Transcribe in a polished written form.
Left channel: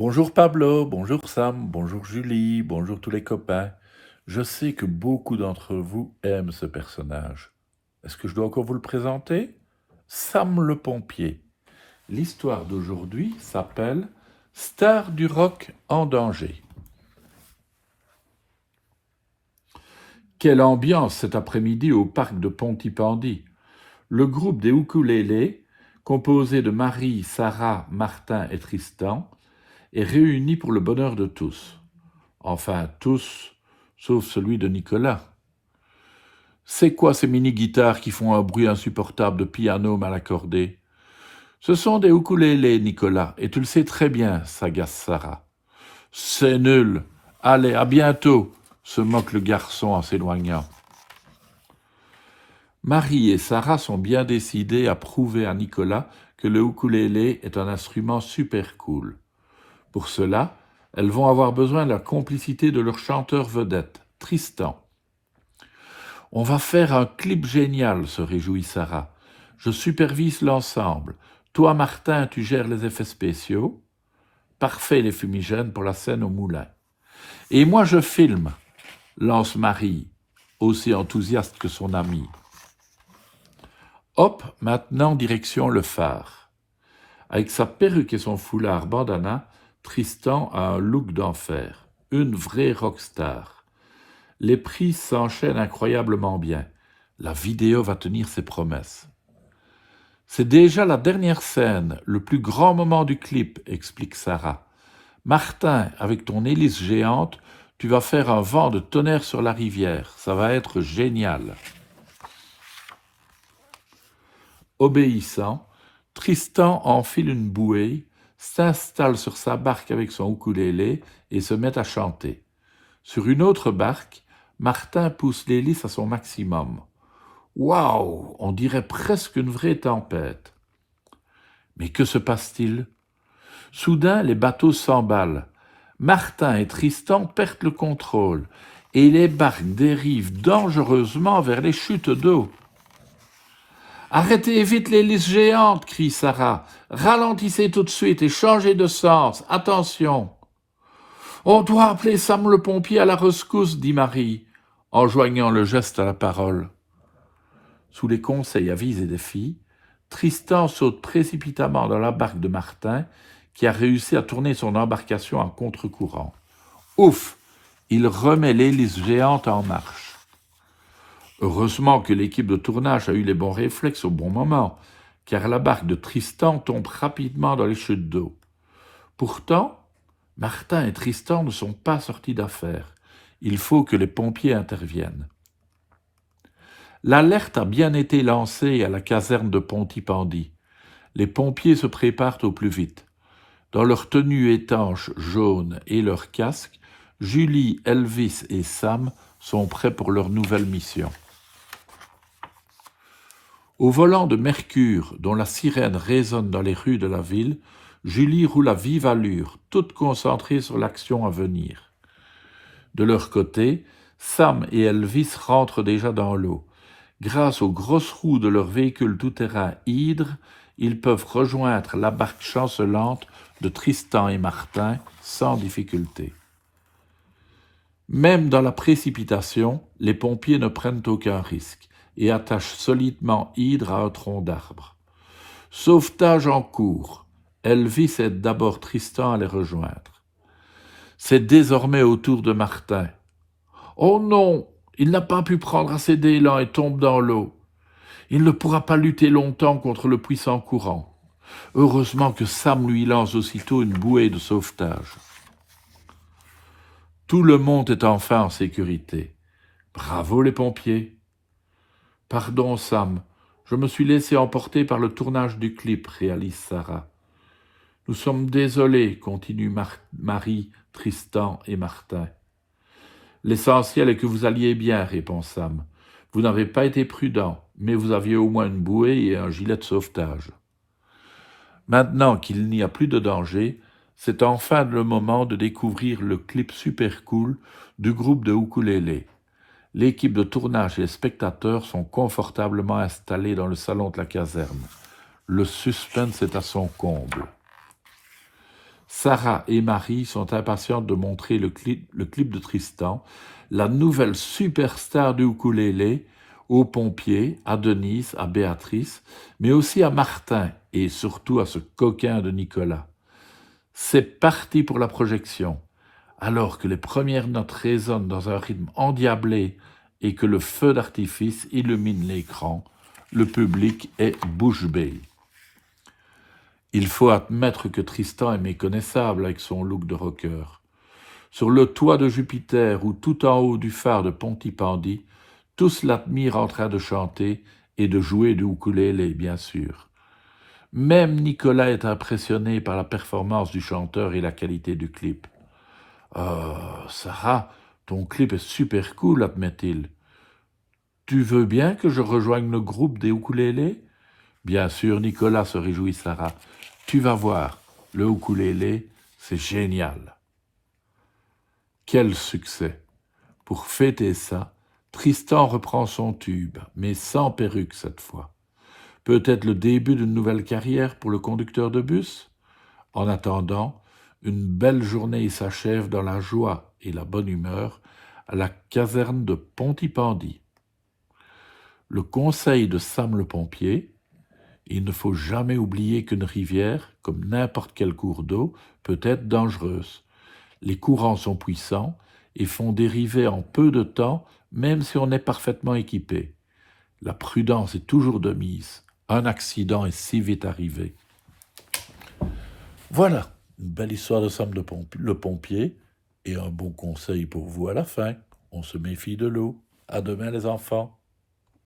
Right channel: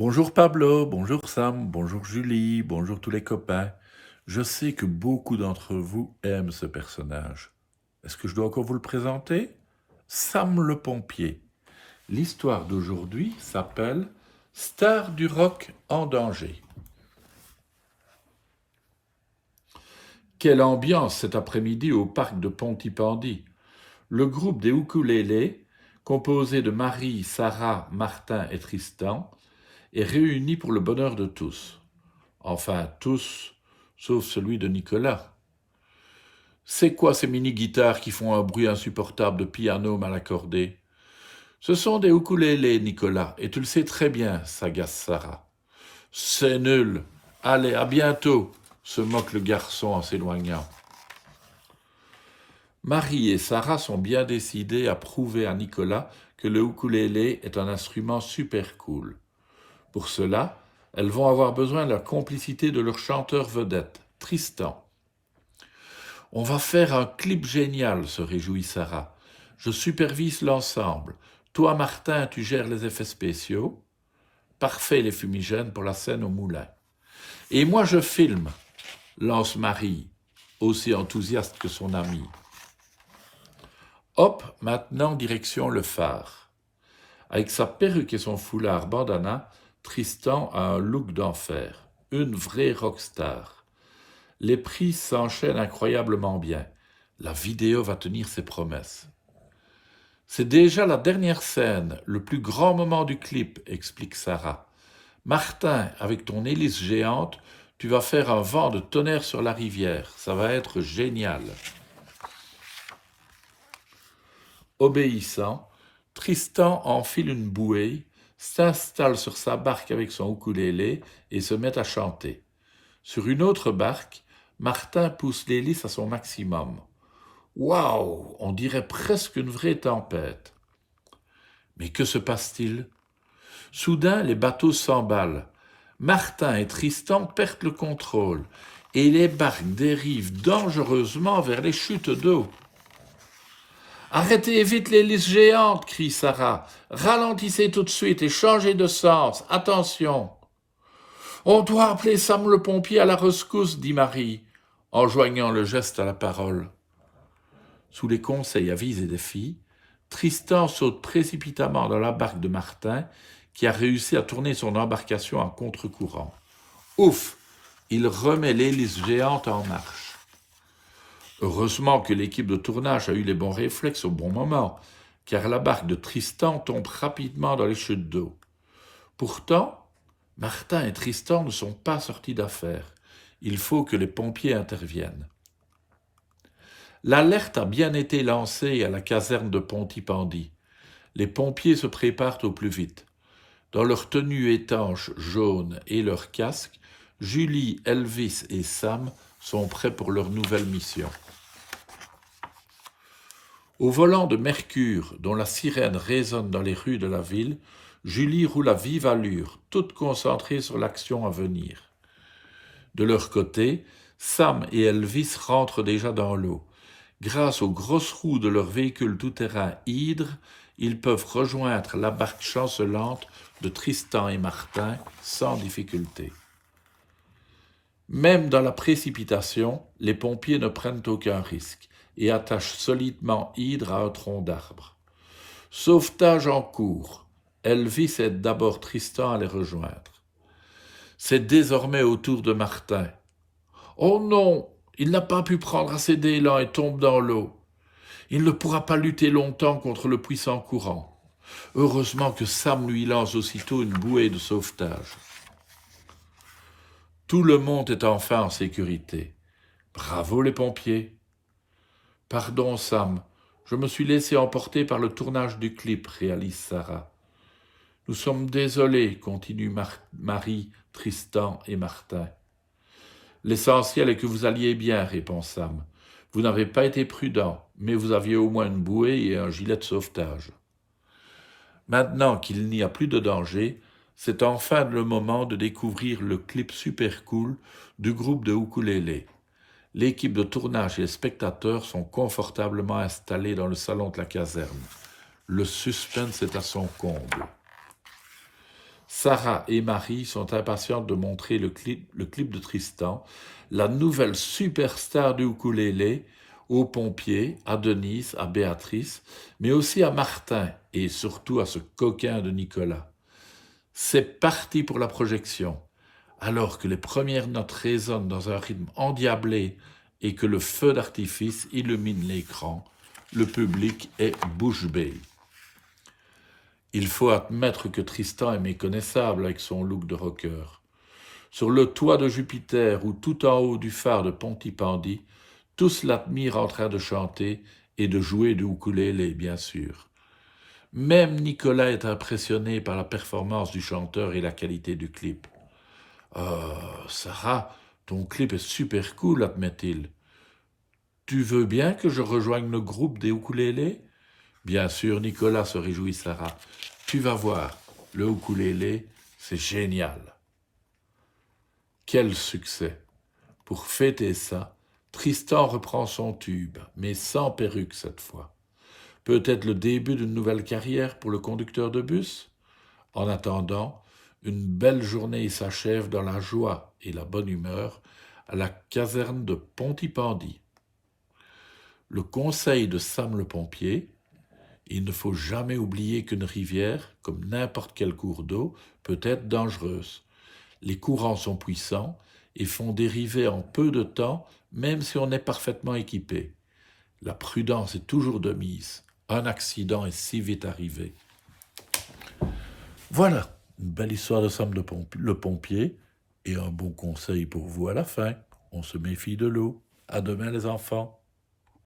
Bonjour Pablo, bonjour Sam, bonjour Julie, bonjour tous les copains. Je sais que beaucoup d'entre vous aiment ce personnage. Est-ce que je dois encore vous le présenter? Sam le pompier. L'histoire d'aujourd'hui s'appelle Star du rock en danger. Quelle ambiance cet après-midi au parc de Pontypandy. Le groupe des ukulélés, composé de Marie, Sarah, Martin et Tristan, est réuni pour le bonheur de tous. Enfin, tous, sauf celui de Nicolas. C'est quoi ces mini-guitares qui font un bruit insupportable de piano mal accordé? Ce sont des ukulélés, Nicolas, et tu le sais très bien, s'agace Sarah. C'est nul. Allez, à bientôt, se moque le garçon en s'éloignant. Marie et Sarah sont bien décidées à prouver à Nicolas que le ukulélé est un instrument super cool. Pour cela, elles vont avoir besoin de la complicité de leur chanteur vedette, Tristan. On va faire un clip génial, se réjouit Sarah. Je supervise l'ensemble. Toi, Martin, tu gères les effets spéciaux. Parfait les fumigènes pour la scène au moulin. Et moi, je filme, lance Marie, aussi enthousiaste que son amie. Hop, maintenant, direction le phare. Avec sa perruque et son foulard bandana, Tristan a un look d'enfer. Une vraie rockstar. Les prises s'enchaînent incroyablement bien. La vidéo va tenir ses promesses. C'est déjà la dernière scène, le plus grand moment du clip, explique Sarah. Martin, avec ton hélice géante, tu vas faire un vent de tonnerre sur la rivière. Ça va être génial. Obéissant, Tristan enfile une bouée, s'installe sur sa barque avec son ukulélé et se met à chanter. Sur une autre barque, Martin pousse l'hélice à son maximum. Waouh, on dirait presque une vraie tempête. Mais que se passe-t-il? Soudain, les bateaux s'emballent. Martin et Tristan perdent le contrôle et les barques dérivent dangereusement vers les chutes d'eau. Arrêtez vite l'hélice géante, crie Sarah. Ralentissez tout de suite et changez de sens. Attention. On doit appeler Sam le pompier à la rescousse, dit Marie, en joignant le geste à la parole. Sous les conseils avisés des filles, Tristan saute précipitamment dans la barque de Martin, qui a réussi à tourner son embarcation en contre-courant. Ouf! Il remet l'hélice géante en marche. Heureusement que l'équipe de tournage a eu les bons réflexes au bon moment, car la barque de Tristan tombe rapidement dans les chutes d'eau. Pourtant, Martin et Tristan ne sont pas sortis d'affaire. Il faut que les pompiers interviennent. L'alerte a bien été lancée à la caserne de Pontypandy. Les pompiers se préparent au plus vite. Dans leur tenue étanche jaune et leur casque, Julie, Elvis et Sam sont prêts pour leur nouvelle mission. Au volant de Mercure, dont la sirène résonne dans les rues de la ville, Julie roule à vive allure, toute concentrée sur l'action à venir. De leur côté, Sam et Elvis rentrent déjà dans l'eau. Grâce aux grosses roues de leur véhicule tout-terrain Hydre, ils peuvent rejoindre la barque chancelante de Tristan et Martin sans difficulté. Même dans la précipitation, les pompiers ne prennent aucun risque et attachent solidement Hydre à un tronc d'arbre. Sauvetage en cours. Elvis aide d'abord Tristan à les rejoindre. C'est désormais au tour de Martin. Oh non, il n'a pas pu prendre assez d'élan et tombe dans l'eau. Il ne pourra pas lutter longtemps contre le puissant courant. Heureusement que Sam lui lance aussitôt une bouée de sauvetage. Tout le monde est enfin en sécurité. Bravo les pompiers. Pardon Sam, je me suis laissé emporter par le tournage du clip, réalise Sarah. Nous sommes désolés, continuent Marie, Tristan et Martin. L'essentiel est que vous alliez bien, répond Sam. Vous n'avez pas été prudent, mais vous aviez au moins une bouée et un gilet de sauvetage. Maintenant qu'il n'y a plus de danger, c'est enfin le moment de découvrir le clip super cool du groupe de ukulélé. L'équipe de tournage et les spectateurs sont confortablement installés dans le salon de la caserne. Le suspense est à son comble. Sarah et Marie sont impatientes de montrer le clip de Tristan, la nouvelle superstar du ukulélé, aux pompiers, à Denise, à Béatrice, mais aussi à Martin et surtout à ce coquin de Nicolas. C'est parti pour la projection. Alors que les premières notes résonnent dans un rythme endiablé et que le feu d'artifice illumine l'écran, le public est bouche bée. Il faut admettre que Tristan est méconnaissable avec son look de rocker. Sur le toit de Jupiter ou tout en haut du phare de Pontypandy, tous l'admirent en train de chanter et de jouer du ukulélé, bien sûr. Même Nicolas est impressionné par la performance du chanteur et la qualité du clip. « Oh, Sarah, ton clip est super cool, admet-il. Tu veux bien que je rejoigne le groupe des ukulélés ?» Bien sûr, Nicolas, se réjouit Sarah. Tu vas voir, le ukulélé, c'est génial. Quel succès! Pour fêter ça, Tristan reprend son tube, mais sans perruque cette fois. Peut-être le début d'une nouvelle carrière pour le conducteur de bus? En attendant, une belle journée s'achève dans la joie et la bonne humeur à la caserne de Pontypandy. Le conseil de Sam le pompier: il ne faut jamais oublier qu'une rivière, comme n'importe quel cours d'eau, peut être dangereuse. Les courants sont puissants et font dériver en peu de temps, même si on est parfaitement équipé. La prudence est toujours de mise. Un accident est si vite arrivé. Voilà, une belle histoire de Sam le pompier et un bon conseil pour vous à la fin. On se méfie de l'eau. À demain les enfants.